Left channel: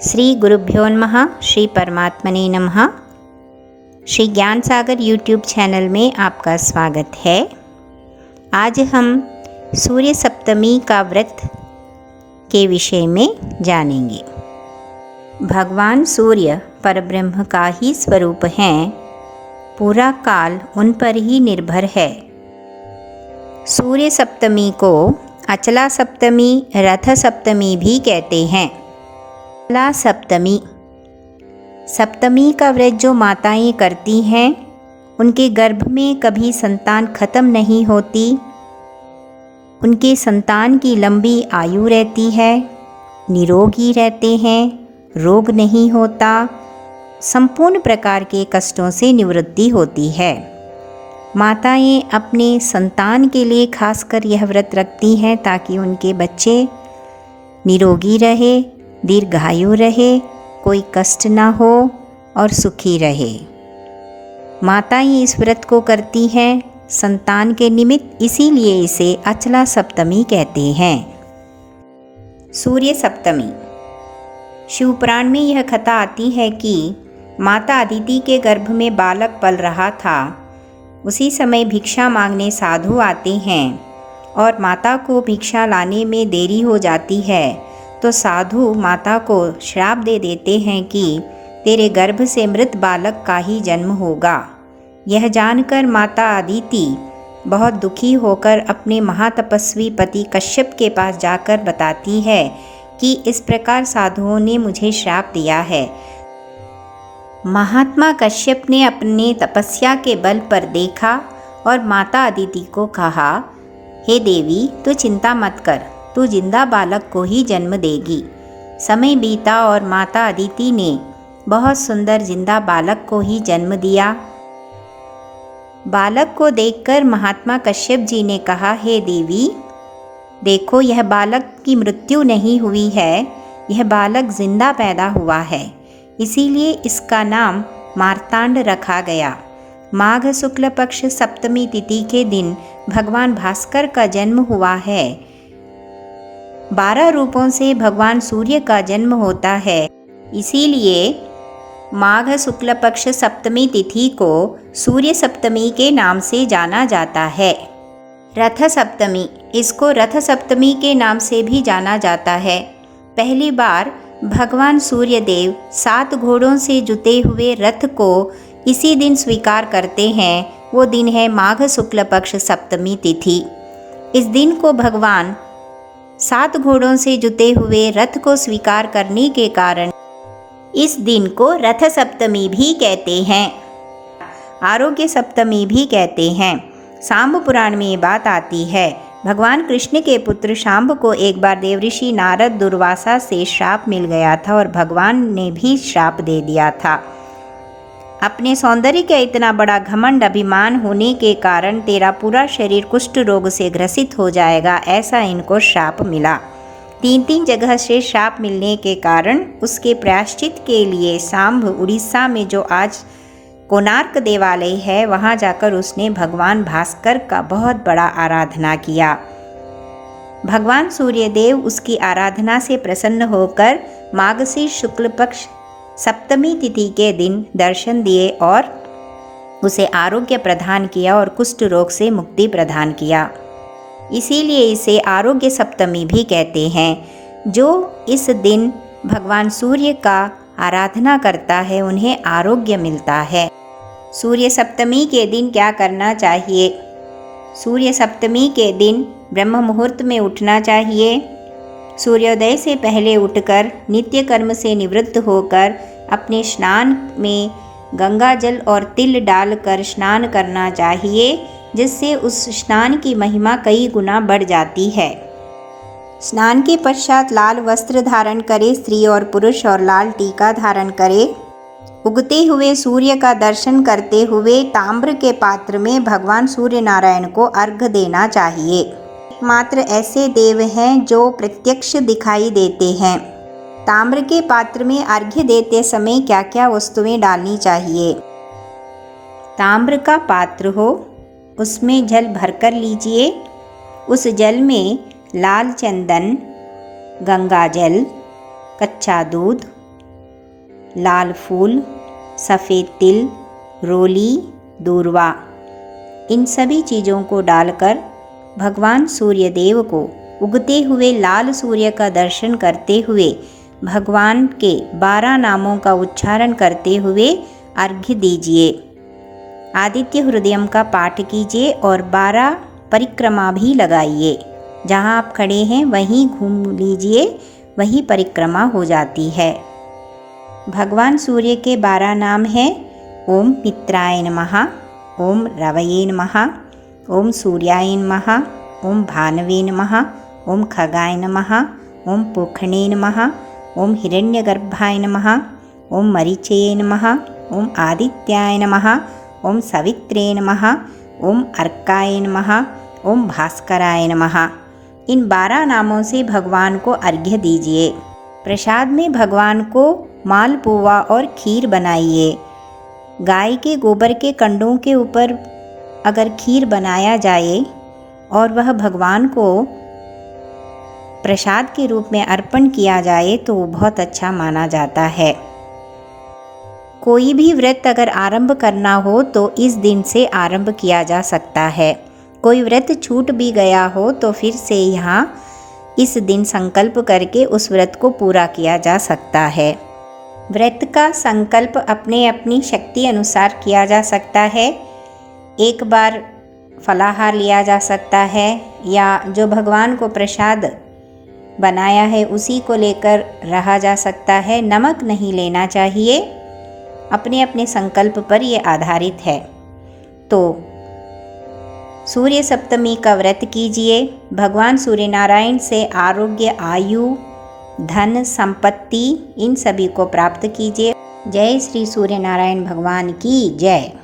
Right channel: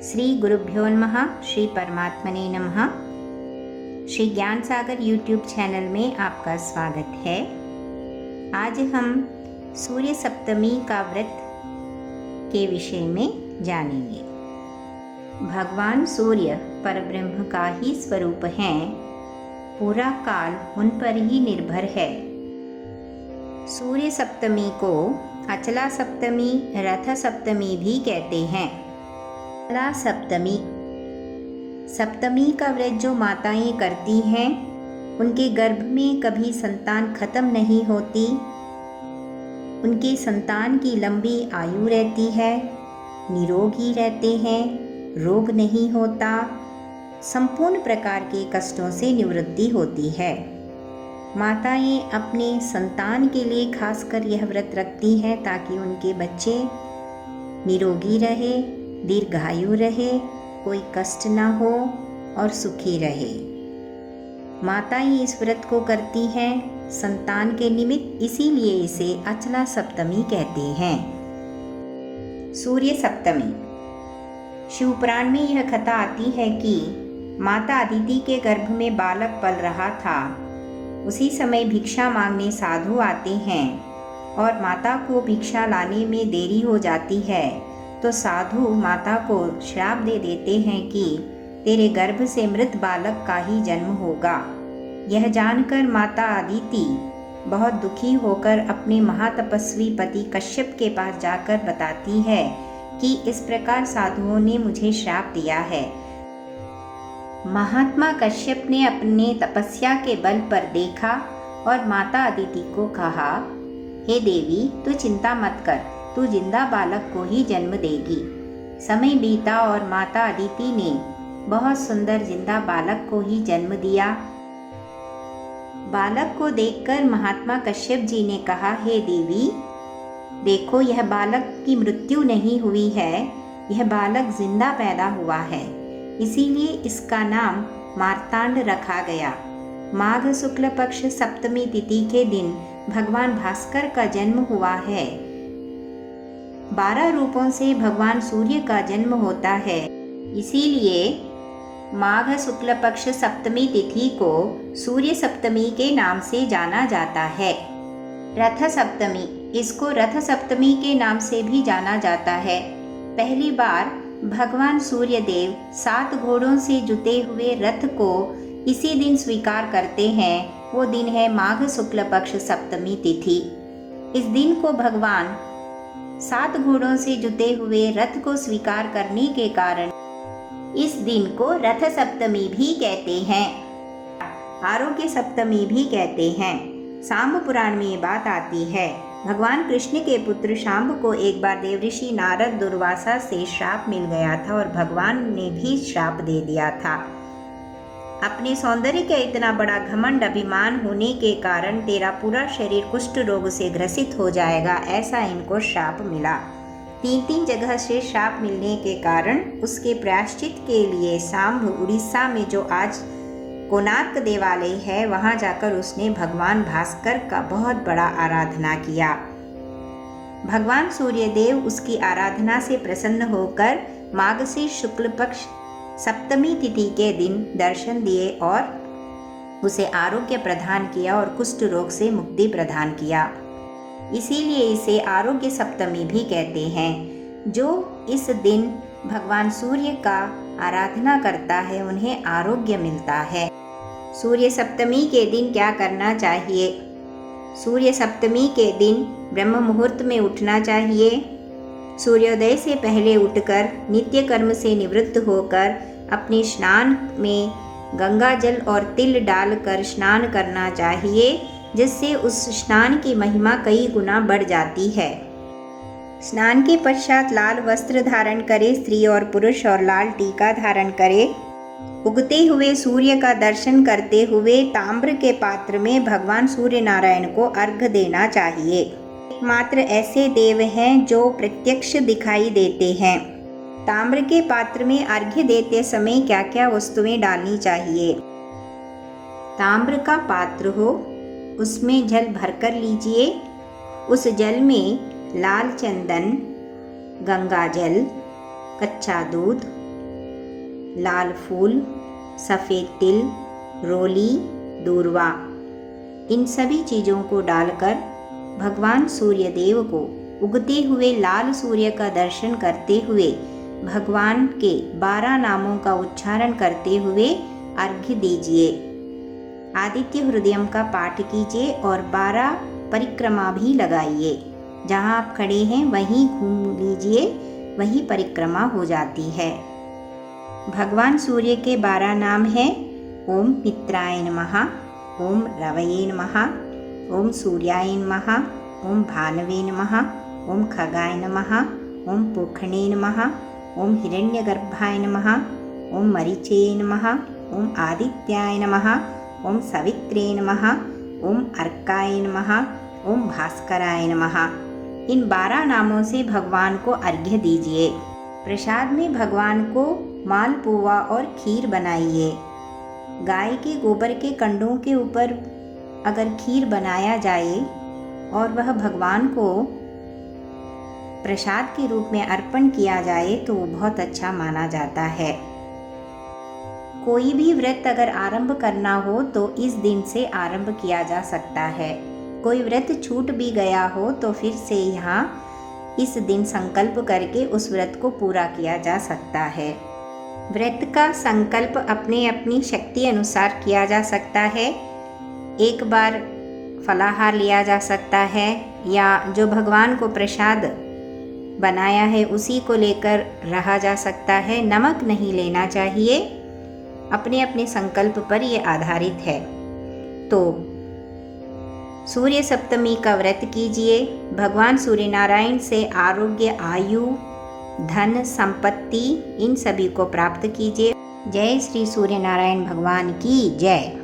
श्री गुरुभ्यो नमः। श्री परमात्मने नमः। श्री ज्ञान सागर यूट्यूब चैनल में आपका स्वागत है। आज हम सूर्य सप्तमी का व्रत के विषय में जानेंगे। भगवान सूर्य परब्रह्म का ही स्वरूप हैं। पूरा काल उन पर ही निर्भर है। सूर्य सप्तमी को अचला सप्तमी, रथ सप्तमी भी कहते हैं। अचला सप्तमी, सप्तमी का व्रत जो माताएं करती हैं उनके गर्भ में कभी संतान खत्म नहीं होती। उनके संतान की लंबी आयु रहती है, निरोगी रहते हैं, रोग नहीं होता, संपूर्ण प्रकार के कष्टों से निवृत्ति होती है। माताएं अपने संतान के लिए खासकर यह व्रत रखती हैं ताकि उनके बच्चे निरोगी रहे, दीर्घायु रहे, कोई कष्ट ना हो और सुखी रहे। माताएं इस व्रत को करती हैं संतान के निमित्त, इसीलिए इसे अचला सप्तमी कहते हैं। सूर्य सप्तमी, शिवपुराण में यह कथा आती है कि माता अदिति के गर्भ में बालक पल रहा था। उसी समय भिक्षा मांगने साधु आते हैं और माता को भिक्षा लाने में देरी हो जाती है तो साधु माता को श्राप दे देते हैं कि तेरे गर्भ से मृत बालक का ही जन्म होगा। यह जानकर माता अदिति बहुत दुखी होकर अपने महातपस्वी पति कश्यप के पास जाकर बताती है कि इस प्रकार साधुओं ने मुझे श्राप दिया है। महात्मा कश्यप ने अपने तपस्या के बल पर देखा और माता अदिति को कहा, हे देवी, तू चिंता मत कर, तू जिंदा बालक को ही जन्म देगी। समय बीता और माता अदिति ने बहुत सुंदर जिंदा बालक को ही जन्म दिया। बालक को देखकर महात्मा कश्यप जी ने कहा, हे देवी, देखो, यह बालक की मृत्यु नहीं हुई है, यह बालक जिंदा पैदा हुआ है, इसीलिए इसका नाम मार्तांड रखा गया। माघ शुक्ल पक्ष सप्तमी तिथि के दिन भगवान भास्कर का जन्म हुआ है। 12 रूपों से भगवान सूर्य का जन्म होता है, इसीलिए माघ शुक्ल पक्ष सप्तमी तिथि को सूर्य सप्तमी के नाम से जाना जाता है। रथ सप्तमी, इसको रथ सप्तमी के नाम से भी जाना जाता है। पहली बार भगवान सूर्य देव 7 घोड़ों से जुते हुए रथ को इसी दिन स्वीकार करते हैं। वो दिन है माघ शुक्ल पक्ष सप्तमी तिथि। इस दिन को भगवान 7 घोड़ों से जुते हुए रथ को स्वीकार करने के कारण इस दिन को रथ सप्तमी भी कहते हैं, आरोग्य सप्तमी भी कहते हैं। सांब पुराण में ये बात आती है। भगवान कृष्ण के पुत्र शांब को एक बार देवऋषि नारद दुर्वासा से श्राप मिल गया था और भगवान ने भी श्राप दे दिया था। अपने सौंदर्य का इतना बड़ा घमंड अभिमान होने के कारण तेरा पूरा शरीर कुष्ठ रोग से ग्रसित हो जाएगा, ऐसा इनको श्राप मिला। 3 जगह से श्राप मिलने के कारण उसके प्रायश्चित के लिए सांब उड़ीसा में जो आज कोणार्क देवालय है, वहाँ जाकर उसने भगवान भास्कर का बहुत बड़ा आराधना किया। भगवान सूर्यदेव उसकी आराधना से प्रसन्न होकर मार्गशीर्ष शुक्ल पक्ष सप्तमी तिथि के दिन दर्शन दिए और उसे आरोग्य प्रदान किया और कुष्ठ रोग से मुक्ति प्रदान किया। इसीलिए इसे आरोग्य सप्तमी भी कहते हैं। जो इस दिन भगवान सूर्य का आराधना करता है उन्हें आरोग्य मिलता है। सूर्य सप्तमी के दिन क्या करना चाहिए? सूर्य सप्तमी के दिन ब्रह्म मुहूर्त में उठना चाहिए। सूर्योदय से पहले उठकर नित्य कर्म से निवृत्त होकर अपने स्नान में गंगा जल और तिल डालकर स्नान करना चाहिए, जिससे उस स्नान की महिमा कई गुना बढ़ जाती है। स्नान के पश्चात लाल वस्त्र धारण करे स्त्री और पुरुष और लाल टीका धारण करे। उगते हुए सूर्य का दर्शन करते हुए ताम्र के पात्र में भगवान सूर्य नारायण को अर्घ्य देना चाहिए। एकमात्र ऐसे देव हैं जो प्रत्यक्ष दिखाई देते हैं। ताम्र के पात्र में अर्घ्य देते समय क्या क्या वस्तुएं डालनी चाहिए? ताम्र का पात्र हो, उसमें जल भरकर लीजिए। उस जल में लाल चंदन, गंगा जल, कच्चा दूध, लाल फूल, सफ़ेद तिल, रोली, दूर्वा, इन सभी चीज़ों को डालकर भगवान सूर्य देव को उगते हुए लाल सूर्य का दर्शन करते हुए भगवान के 12 नामों का उच्चारण करते हुए अर्घ्य दीजिए। आदित्य हृदयम का पाठ कीजिए और 12 परिक्रमा भी लगाइए। जहाँ आप खड़े हैं वहीं घूम लीजिए, वही परिक्रमा हो जाती है। भगवान सूर्य के 12 नाम हैं ओम मित्राय नमः, ओम रवये नमः, ओम सूर्याय नमः, ओम भानवे नमः, ओम खगाय नमः, ओम पूर्णिमाय नमः, ओम हिरण्यगर्भाय नमः, ओम मरीचये नमः, ओम आदित्याय नमः, ओम सवित्रे नमः, ओम अर्काय नमः, ओम भास्कराय नमः। इन 12 नामों से भगवान को अर्घ्य दीजिए। प्रसाद में भगवान को मालपुआ और खीर बनाइए। गाय के गोबर के कंडों के ऊपर अगर खीर बनाया जाए और वह भगवान को प्रसाद के रूप में अर्पण किया जाए तो वो बहुत अच्छा माना जाता है। कोई भी व्रत अगर आरंभ करना हो तो इस दिन से आरंभ किया जा सकता है। कोई व्रत छूट भी गया हो तो फिर से यहाँ इस दिन संकल्प करके उस व्रत को पूरा किया जा सकता है। व्रत का संकल्प अपने अपनी शक्ति अनुसार किया जा सकता है। एक बार फलाहार लिया जा सकता है या जो भगवान को प्रसाद बनाया है उसी को लेकर रहा जा सकता है। नमक नहीं लेना चाहिए। अपने अपने संकल्प पर ये आधारित है। तो सूर्य सप्तमी का व्रत कीजिए। भगवान सूर्य नारायण से आरोग्य, आयु, धन, संपत्ति इन सभी को प्राप्त कीजिए। जय श्री सूर्य नारायण भगवान की जय।